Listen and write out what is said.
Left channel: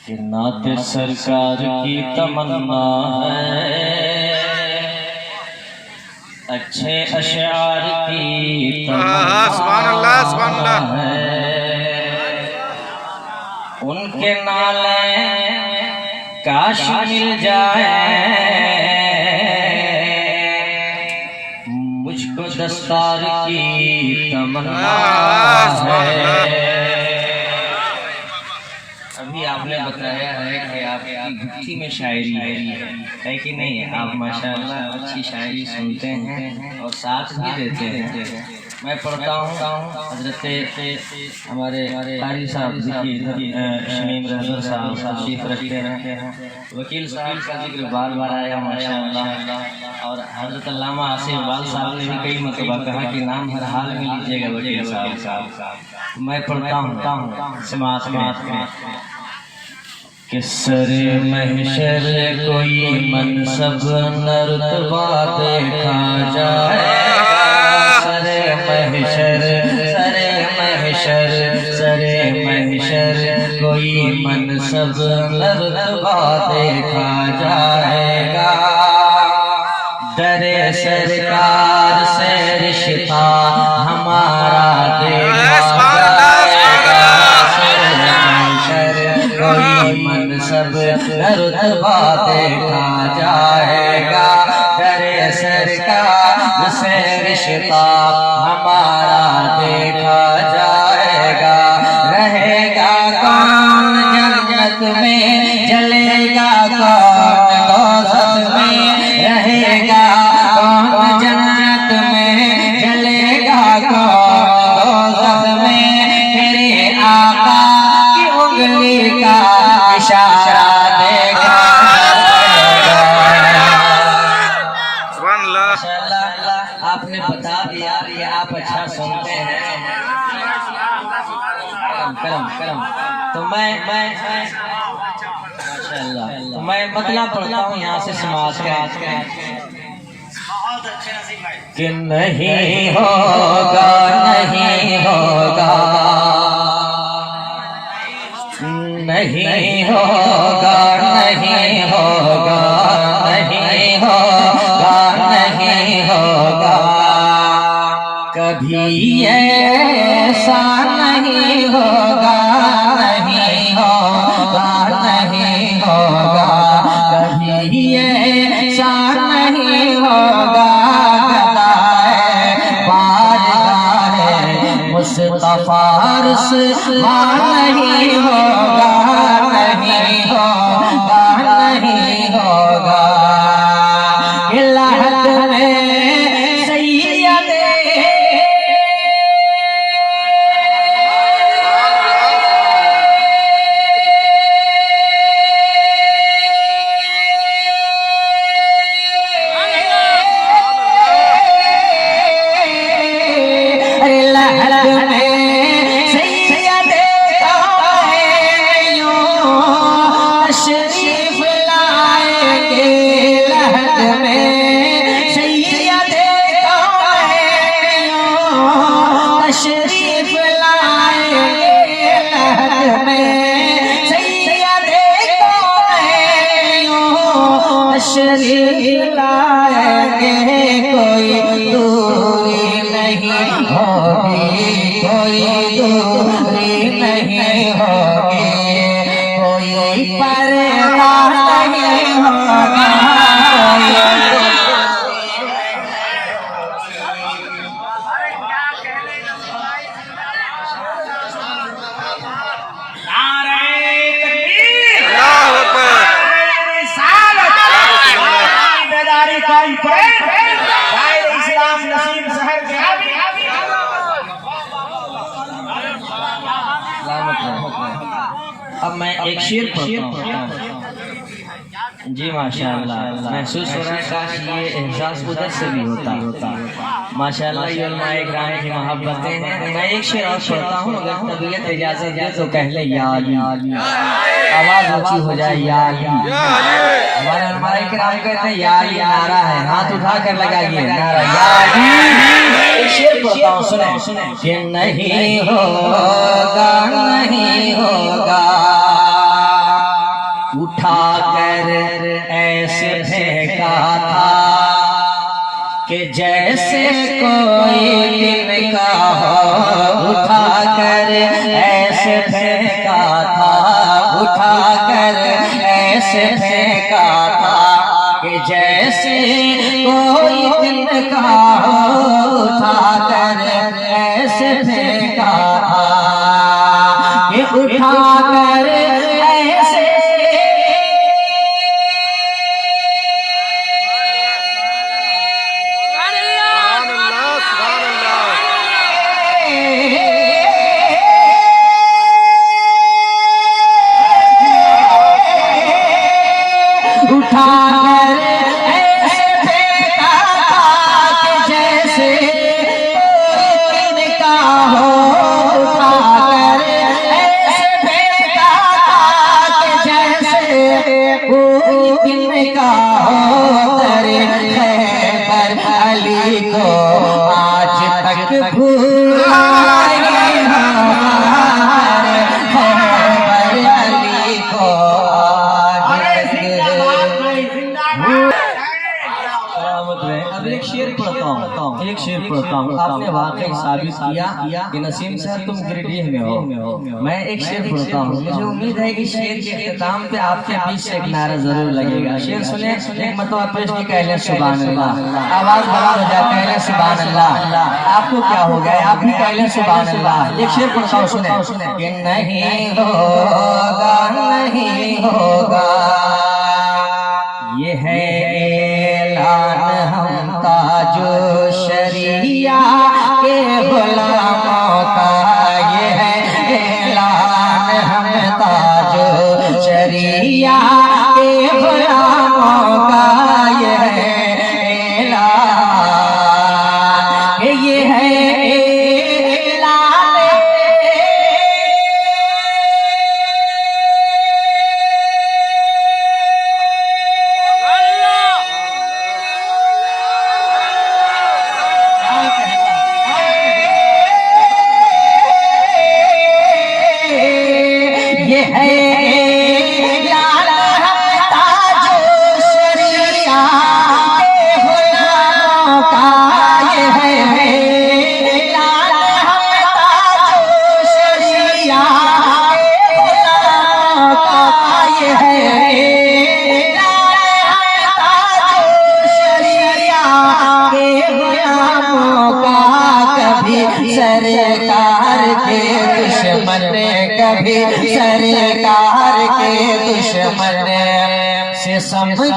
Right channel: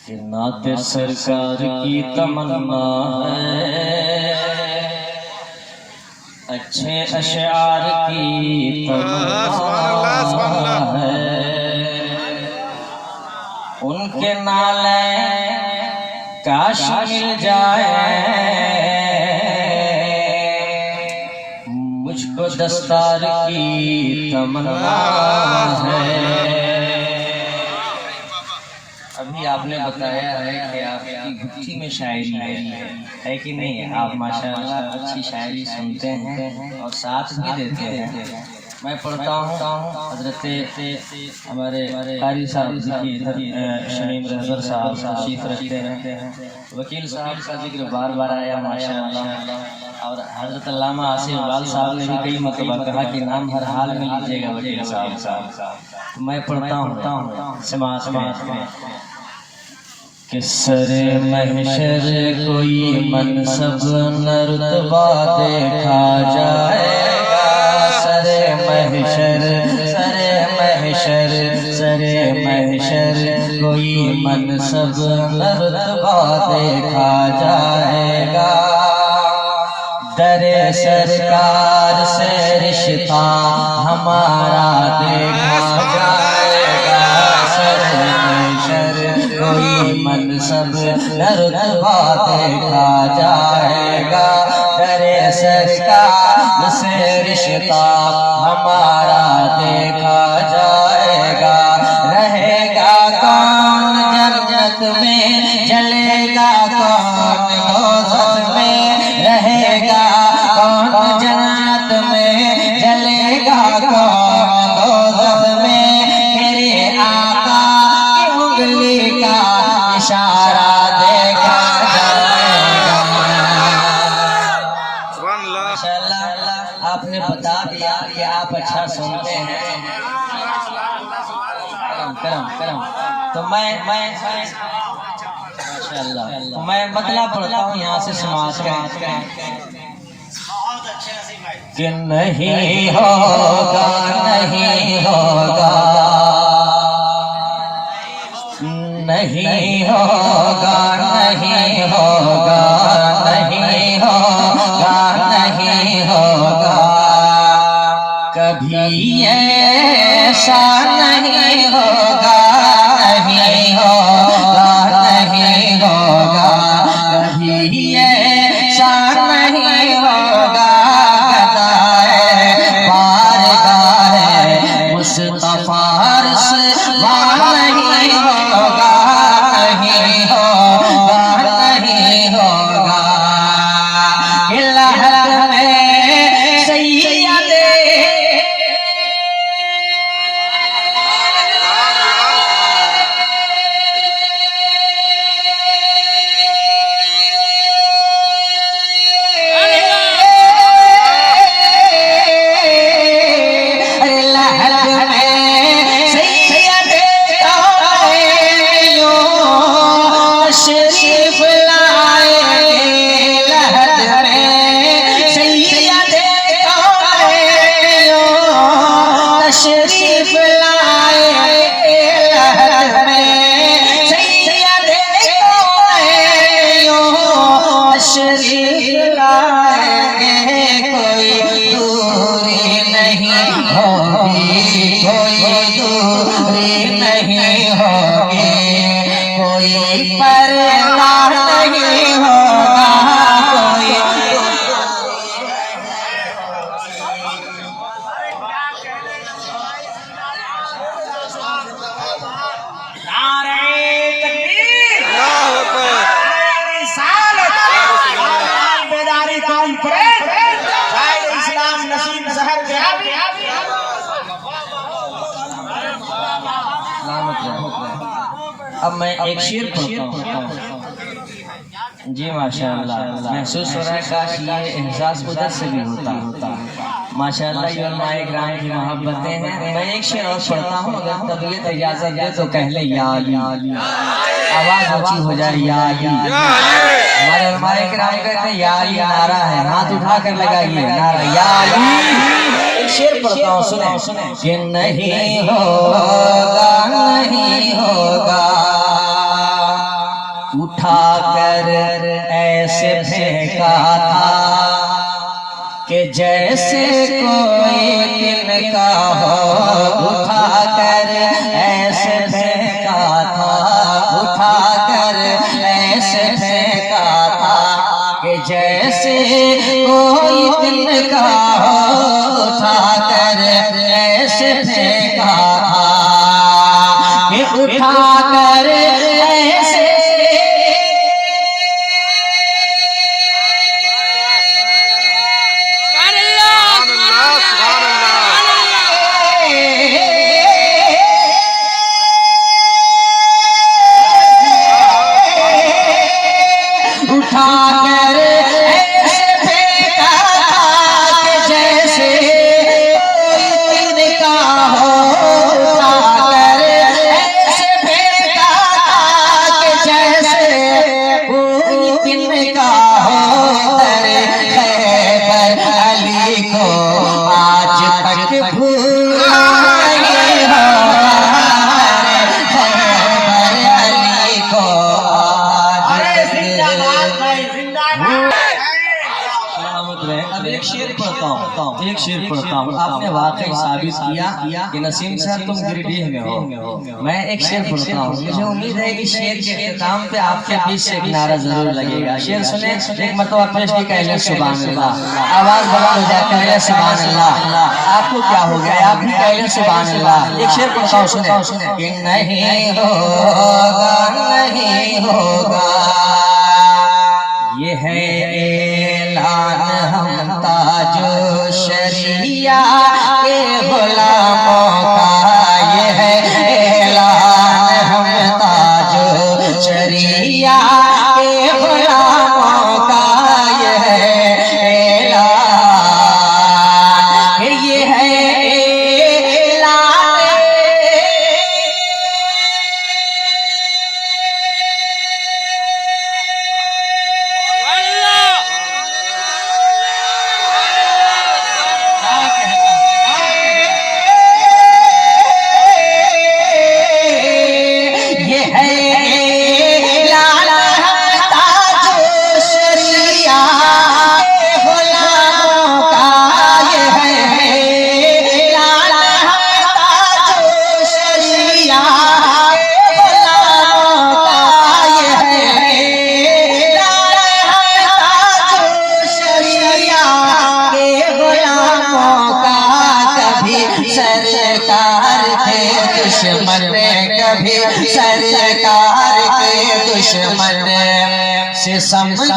कि नात सरकार की तमन्ना है, अच्छे अशआर की तमन्ना है। उनके नाले काश मिल जाए, मुझको दस्तार की तमन्ना है। अभी आपने बताया है कि आपकी गुत्थी में शायरी है कि नहीं? आप माशाअल्लाह अच्छी शायरी सुनते हैं और साथ भी देते हैं। मैं पढ़ता हूँ हजरत हमारे कारी साहब शमीम रहबर साहब तशरीफ रखते हैं, वकील साहब का जिक्र बार बार आया माशाअल्लाह। और हजरत अल्लामा आसिफ इकबाल साहब ने भी कई मरतबा कहा कि नाम हर हाल में लीजिएगा वकील साहब। मैं पढ़ता हूँ समाज कि सरे महशर कोई मनसब न रुतबा देखा जाए। सरे महशर कोई मनसब न रुतबा देखा जाएगा। दरे सरकार से रिश्ता हमारा देखा जाएगा। कोई मनसब रुतबा देखा जाएगा। करे सरकार से रिश्ता हमारा देखा जाएगा। रहेगा कौन जन्नत में, जलेगा कौन दोज़ख में। रहेगा कौन जन्नत में, जलेगा कौन दोज़ख में। मेरे आका उंगली का इशारा देखा जाएगा। आपने बता दिया कि आप अच्छा सुनते हैं। करम तो मैं माशाअल्लाह तो मैं बदला पढ़ता हूँ यहाँ से समाज का कि नहीं होगा नहीं होगा नहीं होगा नहीं होगा नहीं होगा नहीं होगा कभी ऐसा नहीं होगा नहीं होगा नहीं होगा कभी ऐसा नहीं होगा। बारगाह मुस्तफा रुसवा नहीं होगा नहीं होगा नहीं होगा। लहद में सैयद शरीफ लाएंगे। लहद में सैयद शरीफ लाएंगे। लहद में सैयद शरीफ लाएंगे। कोई दूरी नहीं होगी कोई दूरी नहीं होगी कोई परवाह नहीं होगा। बेदारी कॉन्फ्रेंस इस्लाम नसीम शहर के अब मैं एक शेर पढ़ता हूँ। जी माशाअल्लाह महसूस हो रहा है काश ये एहसास उधर से भी होता। माशाअल्लाह ये उलमाए किराम की मोहब्बतें हैं। मैं एक शेर और पढ़ता हूँ, अगर तबीयत इजाजत दे तो कह ले या अली। आवाज ऊंची हो जाए या अली। हमारे उलमाए किराम कहते हैं या अली नारा है, हाथ उठा कर लगाइए नारा या अली। एक शेर पढ़ता हूँ सुने कि नहीं होगा नहीं होगा उठा कर ऐसे फेंका था कि जैसे कोई दिन का हो। उठा कर ऐसे फेंका था, उठा कर ऐसे फेंका था कि जैसे कोई दिन का हो। उठा कर ऐसे फेंका था कि उठा कर ऐसे उठा कर ऐसे फेंका था कि जैसे कोई दिन का हो। उठा कर ऐसे फेंका था कि जैसे कोई दिन का हो। तेरे खैबर अली को आज तक भूल नहीं हो। खैबर अली को अब एक शेर पढ़ता हूँ, एक शेर पढ़ता हूँ। आपने वाकई साबित किया कि नसीम साहब तुम गिरडीह में हो। मैं एक शेर पढ़ता हूँ, मुझे उम्मीद है कि शेर के इख्तिताम पे आपके बीच से किनारा जरूर लगेगा। शेर सुने, एक मरतबा पेश की कहले सुभान अल्लाह। आवाज बंद हो जाता है सुभान अल्लाह। आपको क्या हो गया, आप भी कहले सुभान अल्लाह। एक शेर पढ़ता हूँ, सुने कि नहीं होगा, नहीं होगा, ये है ऐलान हम ताजो शरिया के गुलामों का। ये है ऐलान हम ताजो शरिया के गुलामों का। ये है ऐलान, ये है सरकार के दुश्मन, कभी सरकार के दुश्मन से समझो